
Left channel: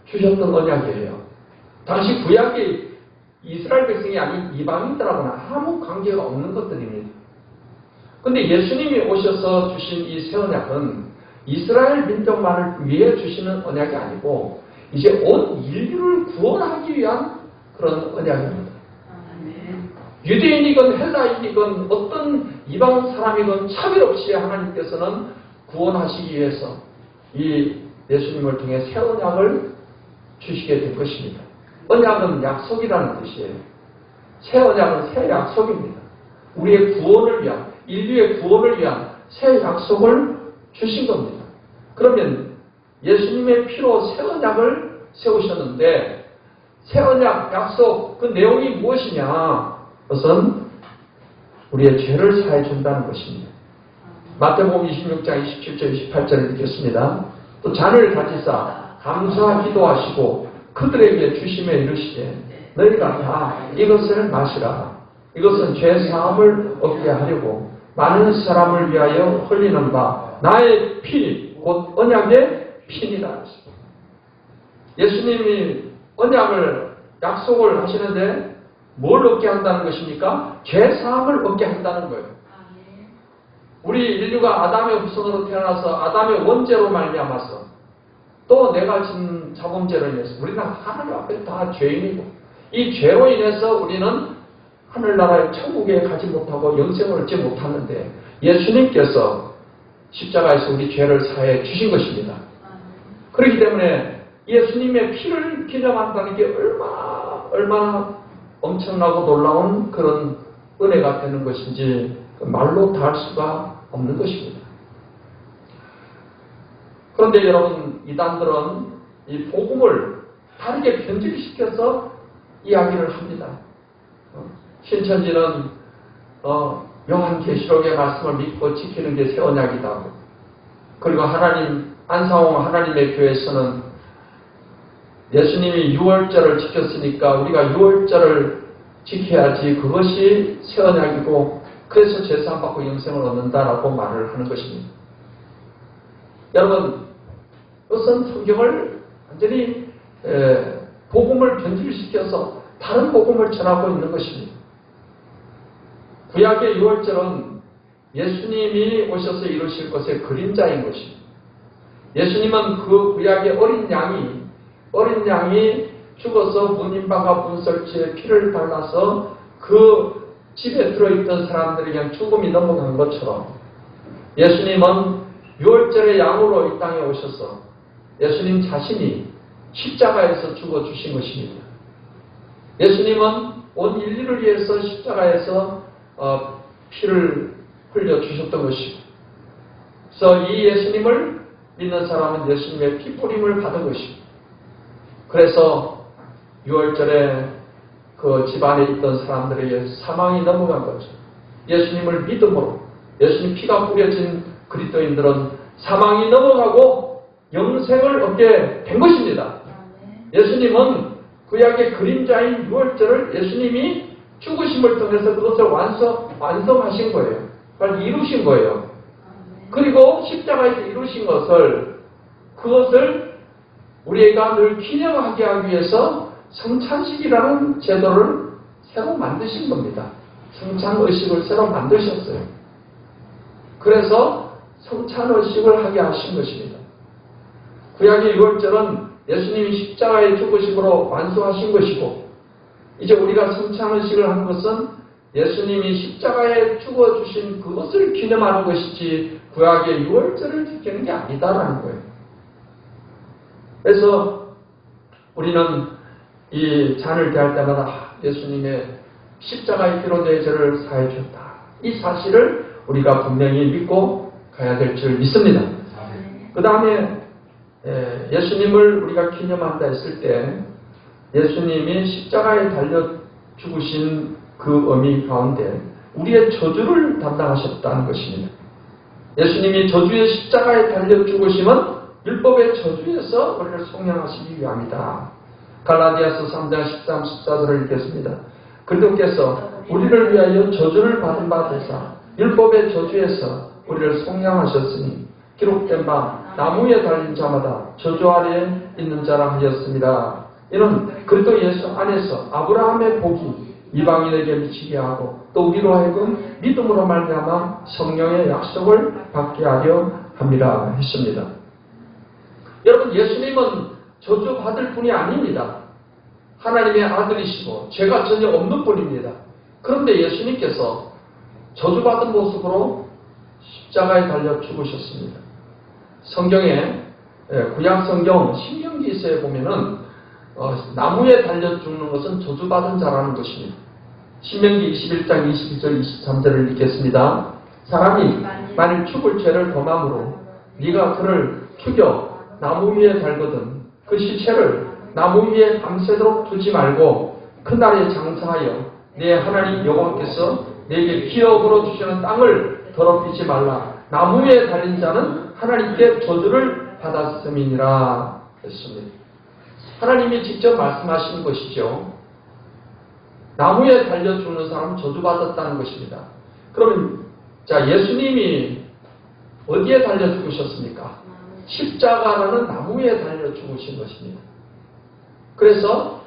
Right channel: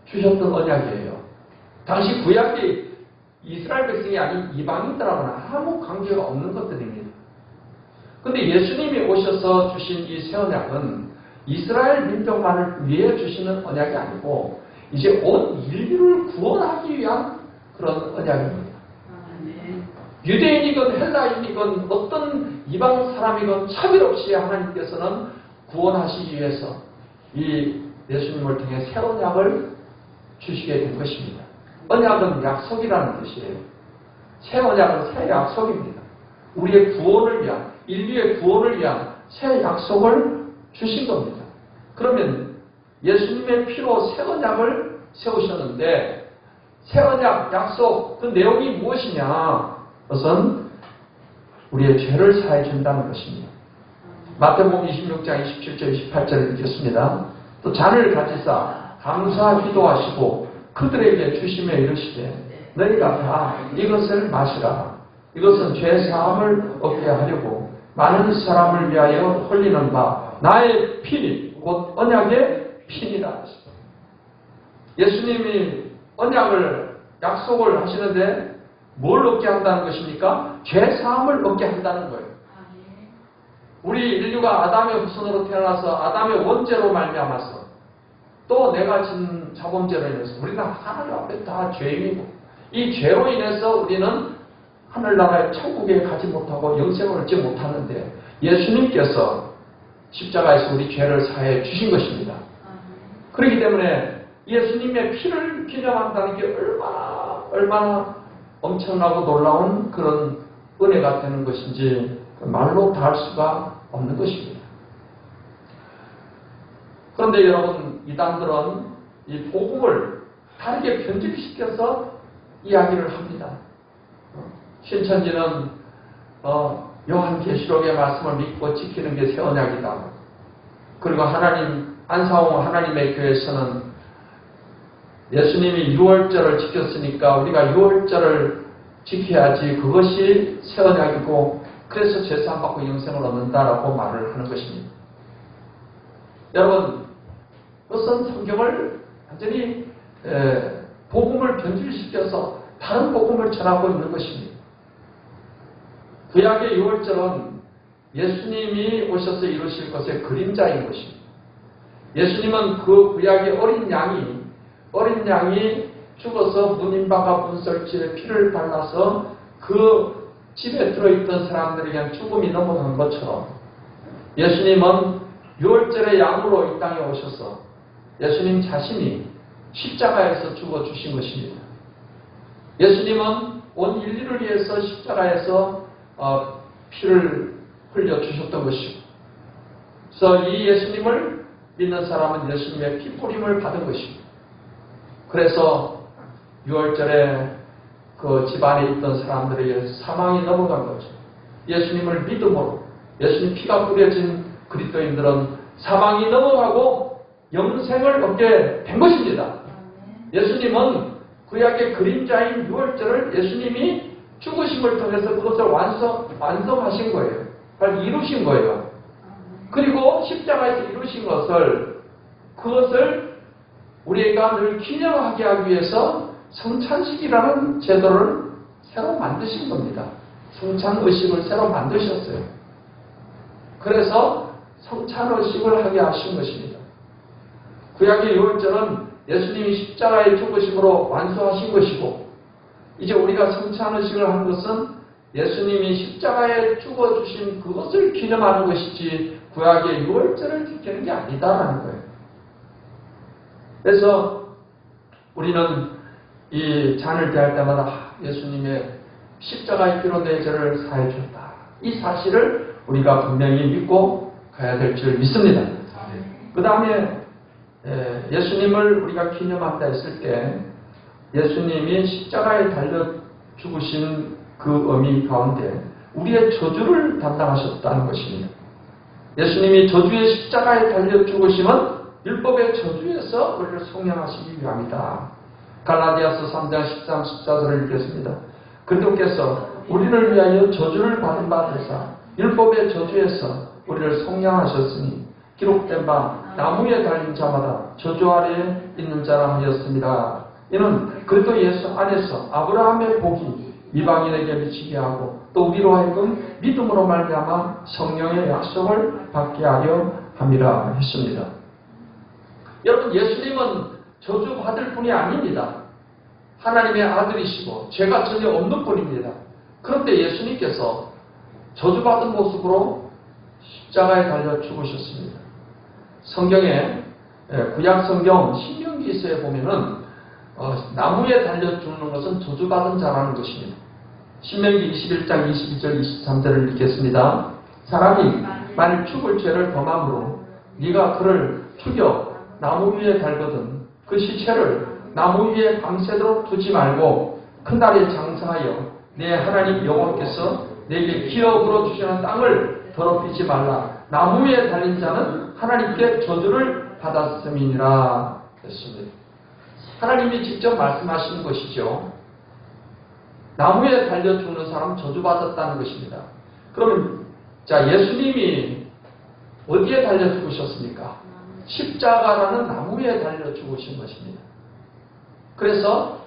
주셨던 언약이에요. 당시 구약이 이스라엘 백성이 아닌 이방인들하고는 아무 관계가 없는 것들입니다. 그런데 예수님이 오셔서 주신 이 새 언약은 이스라엘 민족만을 위해 주시는 언약이 아니고 이제 온 인류를 구원하기 위한 그런 언약입니다. 유대인이건 헬라인이건 어떤 이방 사람이건 차별 없이 하나님께서는 구원하시기 위해서 이 예수님을 통해 새 언약을 주시게 된 것입니다. 언약은 약속이라는 뜻이에요. 새 언약은 새 약속입니다. 우리의 구원을 위한, 인류의 구원을 위한 새 약속을 주신 겁니다. 그러면 예수님의 피로 새 언약을 세우셨는데 새 언약 약속 그 내용이 무엇이냐? 그것은 우리의 죄를 사해 준다는 것입니다. 마태복음 26장 27절 28절을 읽겠습니다. 또 잔을 가지사 감사 기도하시고 그들에게 주시며 이르시되 너희가 다 이것을 마시라. 이것은 죄 사함을 얻게 하려고 많은 사람을 위하여 흘리는 바 나의 피니 곧 언약의 피니라. 예수님이 언약을 약속을 하시는데 뭘 얻게 한다는 것입니까? 죄 사함을 얻게 한다는 거예요. 우리 인류가 아담의 후손으로 태어나서 아담의 원죄로 말미암아서 또 내가 진 자범죄로 인해서 우리는 하나님 앞에 다 죄인이고 이 죄로 인해서 우리는 하늘나라의 천국에 가지 못하고 영생을 얻지 못하는데 예수님께서 십자가에서 우리 죄를 사해 주신 것입니다. 그렇기 때문에 예수님의 피를 기념한다는 게 얼마나 엄청나고 놀라운 그런 은혜가 되는 것인지 말로 다 할 수가 없는 것입니다. 그런데 여러분, 이단들은 이 복음을 다르게 편집시켜서 이야기를 합니다. 신천지는 요한계시록의 말씀을 믿고 지키는 게 새 언약이다. 그리고 안상홍 하나님의 교회에서는 예수님이 유월절을 지켰으니까 우리가 유월절을 지켜야지 그것이 새 언약이고 그래서 죄사함 받고 영생을 얻는다라고 말을 하는 것입니다. 여러분, 그것은 성경을 완전히 복음을 변질시켜서 다른 복음을 전하고 있는 것입니다. 구약의 유월절은 예수님이 오셔서 이루실 것의 그림자인 것입니다. 예수님은 그 구약의 어린 양이 죽어서 문인방과 문설주에 피를 발라서 그 집에 들어있던 사람들에게 죽음이 넘어간 것처럼 예수님은 유월절의 양으로 이 땅에 오셔서 예수님 자신이 십자가에서 죽어주신 것입니다. 예수님은 온 인류를 위해서 십자가에서 피를 흘려주셨던 것이고 그래서 이 예수님을 믿는 사람은 예수님의 피 뿌림을 받은 것입니다. 그래서 유월절에 그 집안에 있던 사람들에게 사망이 넘어간 거죠. 예수님을 믿음으로 예수님 피가 뿌려진 그리스도인들은 사망이 넘어가고 영생을 얻게 된 것입니다. 예수님은 구약의 그림자인 유월절을 예수님이 죽으심을 통해서 그것을 완성하신 거예요. 빨리 이루신 거예요. 그리고 십자가에서 이루신 그것을 우리가 늘 기념하게 하기 위해서 성찬식이라는 제도를 새로 만드신 겁니다. 성찬의식을 새로 만드셨어요. 그래서 성찬의식을 하게 하신 것입니다. 구약의 유월절은 예수님이 십자가의 죽으심으로 완수하신 것이고 이제 우리가 성찬의식을 하는 것은 예수님이 십자가에 죽어주신 그것을 기념하는 것이지 구약의 유월절을 지키는 게 아니다라는 거예요. 그래서 우리는 이 잔을 대할 때마다 예수님의 십자가의 피로 내 죄를 사해 주었다. 이 사실을 우리가 분명히 믿고 가야 될 줄 믿습니다. 그 다음에 예수님을 우리가 기념한다 했을 때 예수님이 십자가에 달려 죽으신 그 의미 가운데 우리의 저주를 담당하셨다는 것입니다. 예수님이 저주의 십자가에 달려 죽으심은 율법의 저주에서 우리를 속량하시기 위함이다. 갈라디아서 3장 13, 14절을 읽겠습니다. 그리스도께서 우리를 위하여 저주를 받은 바 되사 율법의 저주에서 우리를 속량하셨으니 기록된 바 나무에 달린 자마다 저주 아래에 있는 자라 하였습니다. 이는 그리스도 예수 안에서 아브라함의 복이 이방인에게 미치게 하고 또 우리로 하여금 믿음으로 말미암아 성령의 약속을 받게 하려 함이라 했습니다. 여러분, 예수님은 저주받을 분이 아닙니다. 하나님의 아들이시고 죄가 전혀 없는 분입니다. 그런데 예수님께서 저주받은 모습으로 십자가에 달려 죽으셨습니다. 성경에 구약 성경 신명기서에 보면은 나무에 달려 죽는 것은 저주받은 자라는 것입니다. 신명기 21장 22절 23절을 읽겠습니다. 사람이 만일 죽을 죄를 범함으로 네가 그를 죽여 나무 위에 달거든 그 시체를 나무 위에 밤새도록 두지 말고 그날에 장사하여 내 하나님 여호와께서 내게 기업으로 주시는 땅을 더럽히지 말라. 나무 위에 달린 자는 하나님께 저주를 받았음이니라 했습니다. 하나님이 직접 말씀하시는 것이죠. 나무에 달려 죽는 사람은 저주받았다는 것입니다. 그러면 자, 예수님이 어디에 달려 죽으셨습니까? 십자가라는 나무에 달려 죽으신 것입니다. 그래서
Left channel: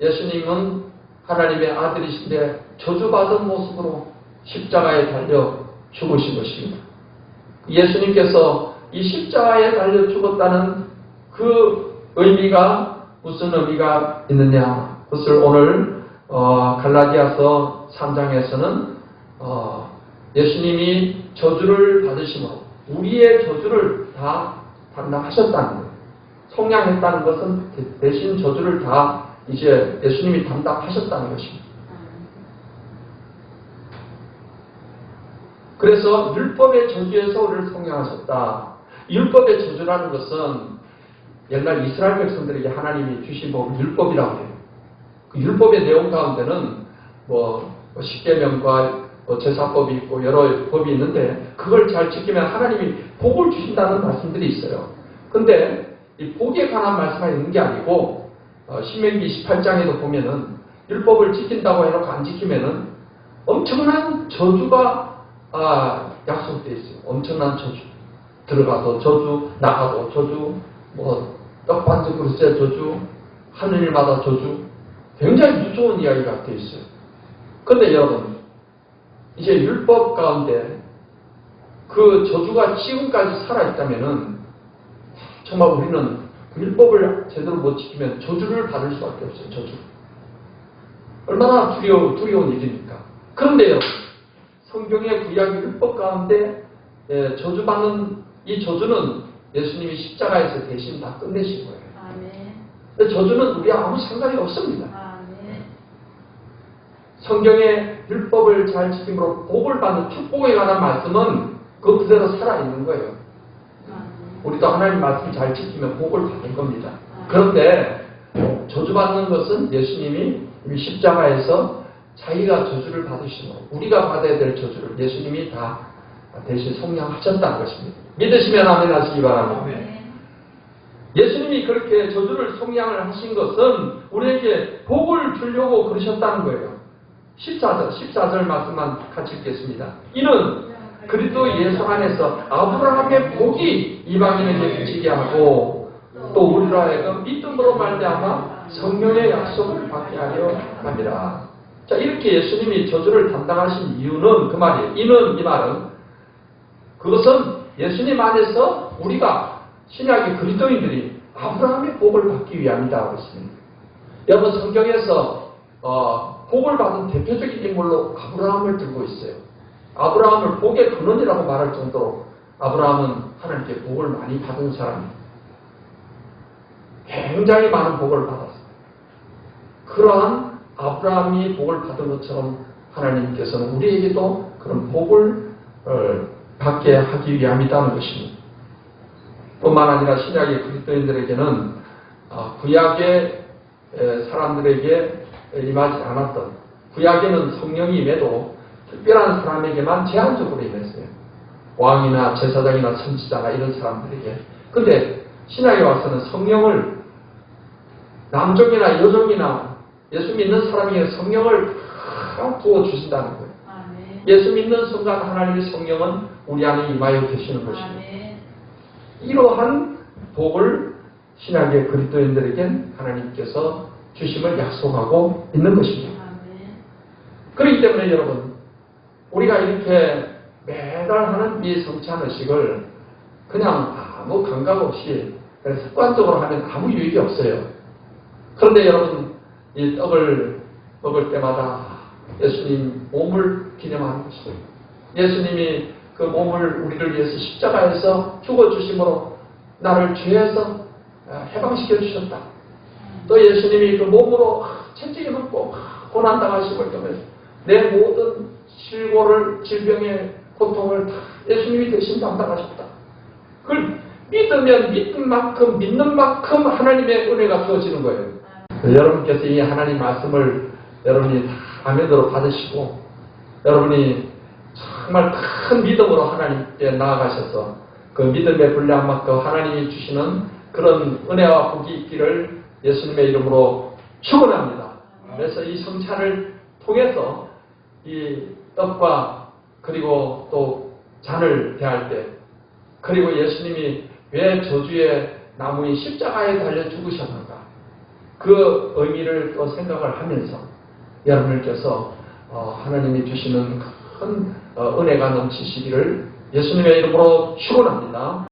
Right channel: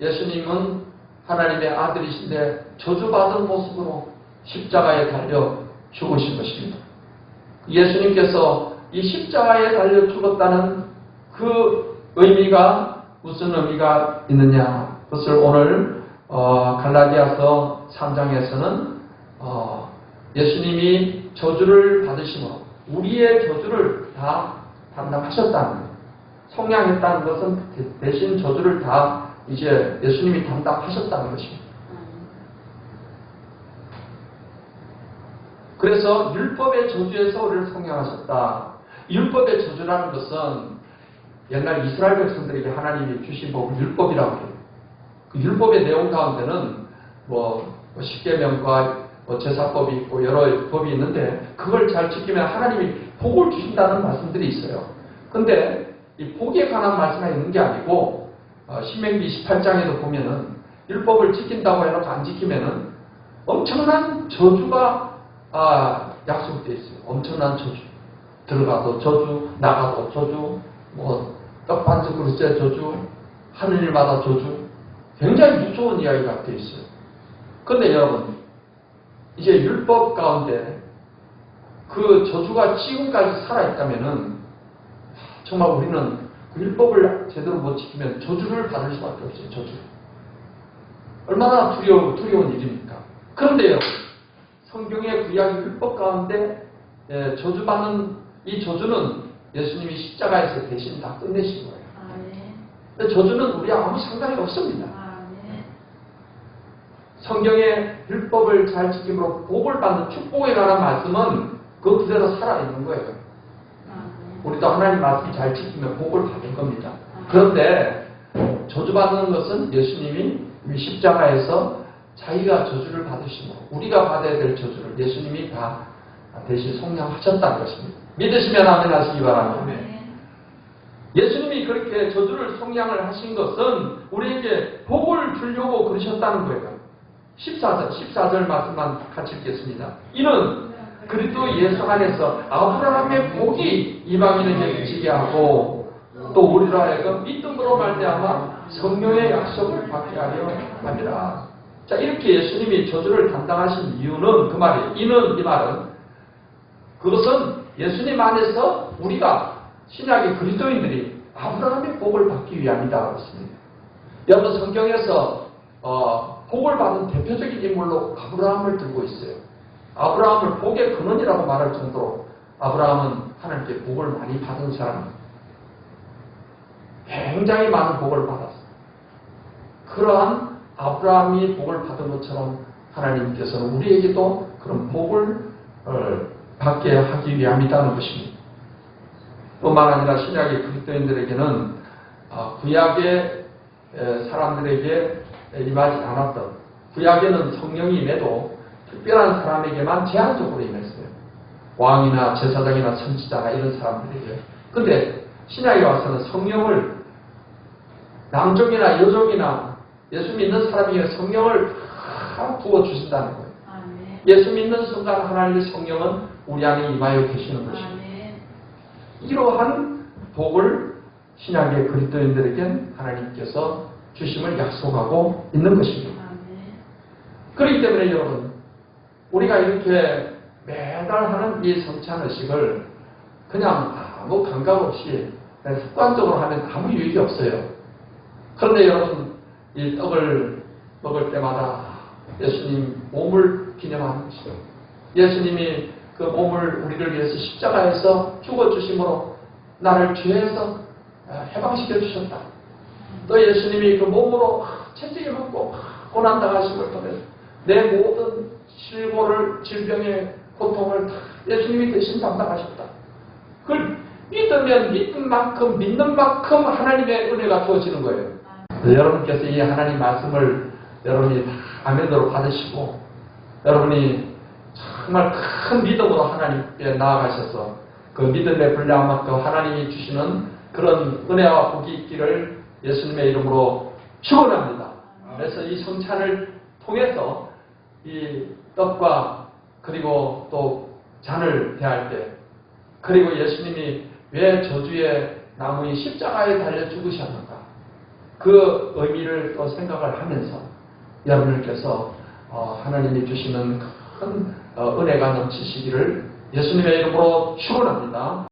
예수님은 하나님의 아들이신데 저주받은 모습으로 십자가에 달려 죽으신 것입니다. 예수님께서 이 십자가에 달려 죽었다는 그 의미가 무슨 의미가 있느냐? 그것을 오늘 갈라디아서 3장에서는 예수님이 저주를 받으심으로 우리의 저주를 다 담당하셨다는 거예요. 속량했다는 것은 대신 저주를 다 이제 예수님이 담당하셨다는 것입니다. 그래서 율법의 저주에서 우리를 속량하셨다. 율법의 저주라는 것은 옛날 이스라엘 백성들에게 하나님이 주신 법을 율법이라고 해요. 그 율법의 내용 가운데는 십계명과 제사법이 있고 여러 법이 있는데 그걸 잘 지키면 하나님이 복을 주신다는 말씀들이 있어요. 근데 이 복에 관한 말씀이 있는 게 아니고 신명기 18장에도 보면은 율법을 지킨다고 해놓고 안 지키면은 엄청난 저주가 약속되어 있어요. 엄청난 저주. 들어가도 저주, 나가도 저주, 떡반죽 그릇에 저주, 하는 일마다 저주. 굉장히 무서운 이야기가 되어 있어요. 근데 여러분, 이제 율법 가운데 그 저주가 지금까지 살아있다면은 정말 우리는 그 율법을 제대로 못 지키면 저주를 받을 수밖에 없어요. 저주. 얼마나 두려운 일입니까? 그런데 여러분, 성경의 구약 율법 가운데 저주받는 이 저주는 예수님이 십자가에서 대신 다 끝내신 거예요. 근데 저주는 우리와 아무 상관이 없습니다. 성경의 율법을 잘 지킴으로 복을 받는 축복에 관한 말씀은 그 그대로 살아있는 거예요. 우리도 하나님 말씀 잘 지키면 복을 받을 겁니다. 그런데 저주받는 것은 예수님이 십자가에서 자기가 저주를 받으시므로 우리가 받아야 될 저주를 예수님이 다 대신 속량하셨다는 것입니다. 믿으시면 아멘 하시기 바랍니다. 예수님이 그렇게 저주를 속량을 하신 것은 우리에게 복을 주려고 그러셨다는 거예요. 14절 말씀만 같이 읽겠습니다. 이는 그리스도 예수 안에서 아브라함의 복이 이방인에게 미치게 하고 또 우리로 하여금 믿음으로 말미암아 성령의 약속을 받게 하려 함이라. 자, 이렇게 예수님이 저주를 담당하신 이유는 그 말이에요. 이 말은 그것은 예수님 안에서 우리가 신약의 그리스도인들이 아브라함의 복을 받기 위함이다 그랬습니다. 여러분 성경에서 복을 받은 대표적인 인물로 아브라함을 들고 있어요. 아브라함을 복의 근원이라고 말할 정도로 아브라함은 하나님께 복을 많이 받은 사람이에요. 굉장히 많은 복을 받았어요. 그러한 아브라함이 복을 받은 것처럼 하나님께서는 우리에게도 그런 복을 받게 하기 위함이라는 것입니다. 뿐만 아니라 신약의 그리스도인들에게는 구약의 사람들에게 임하지 않았던 구약에는 성령이 임해도 특별한 사람에게만 제한적으로 임했어요. 왕이나 제사장이나 선지자나 이런 사람들에게. 근데 신약에 와서는 성령을 남종이나 여종이나 예수 믿는 사람에게 성령을 다 부어주신다는 거예요. 예수 믿는 순간 하나님의 성령은 우리 안에 임하여 계시는 것입니다. 이러한 복을 신약의 그리스도인들에겐 하나님께서 주심을 약속하고 있는 것입니다. 그렇기 때문에 여러분 우리가 이렇게 매달 하는 이 성찬의식을 그냥 아무 감각 없이 그냥 습관적으로 하면 아무 유익이 없어요. 그런데 여러분 이 떡을 먹을 때마다 예수님 몸을 기념하는 것이죠. 예수님이 그 몸을 우리를 위해서 십자가에서 죽어주심으로 나를 죄에서 해방시켜 주셨다. 또 예수님이 그 몸으로 채찍에 맞고 고난당하심을 통해서 내 모든 실고를 질병의 고통을 다 예수님이 대신 담당하셨다. 그걸 믿으면 믿는 만큼 하나님의 은혜가 주어지는 거예요. 여러분께서 이 하나님 말씀을 여러분이 다 아멘으로 받으시고 여러분이 정말 큰 믿음으로 하나님께 나아가셔서 그 믿음의 분량만큼 하나님이 주시는 그런 은혜와 복이 있기를 예수님의 이름으로 축원합니다. 그래서 이 성찬을 통해서 이 떡과 그리고 또 잔을 대할 때, 그리고 예수님이 왜 저주의 나무의 십자가에 달려 죽으셨는가, 그 의미를 또 생각을 하면서 여러분들께서 하나님이 주시는 큰 은혜가 넘치시기를 예수님의 이름으로 축원합니다.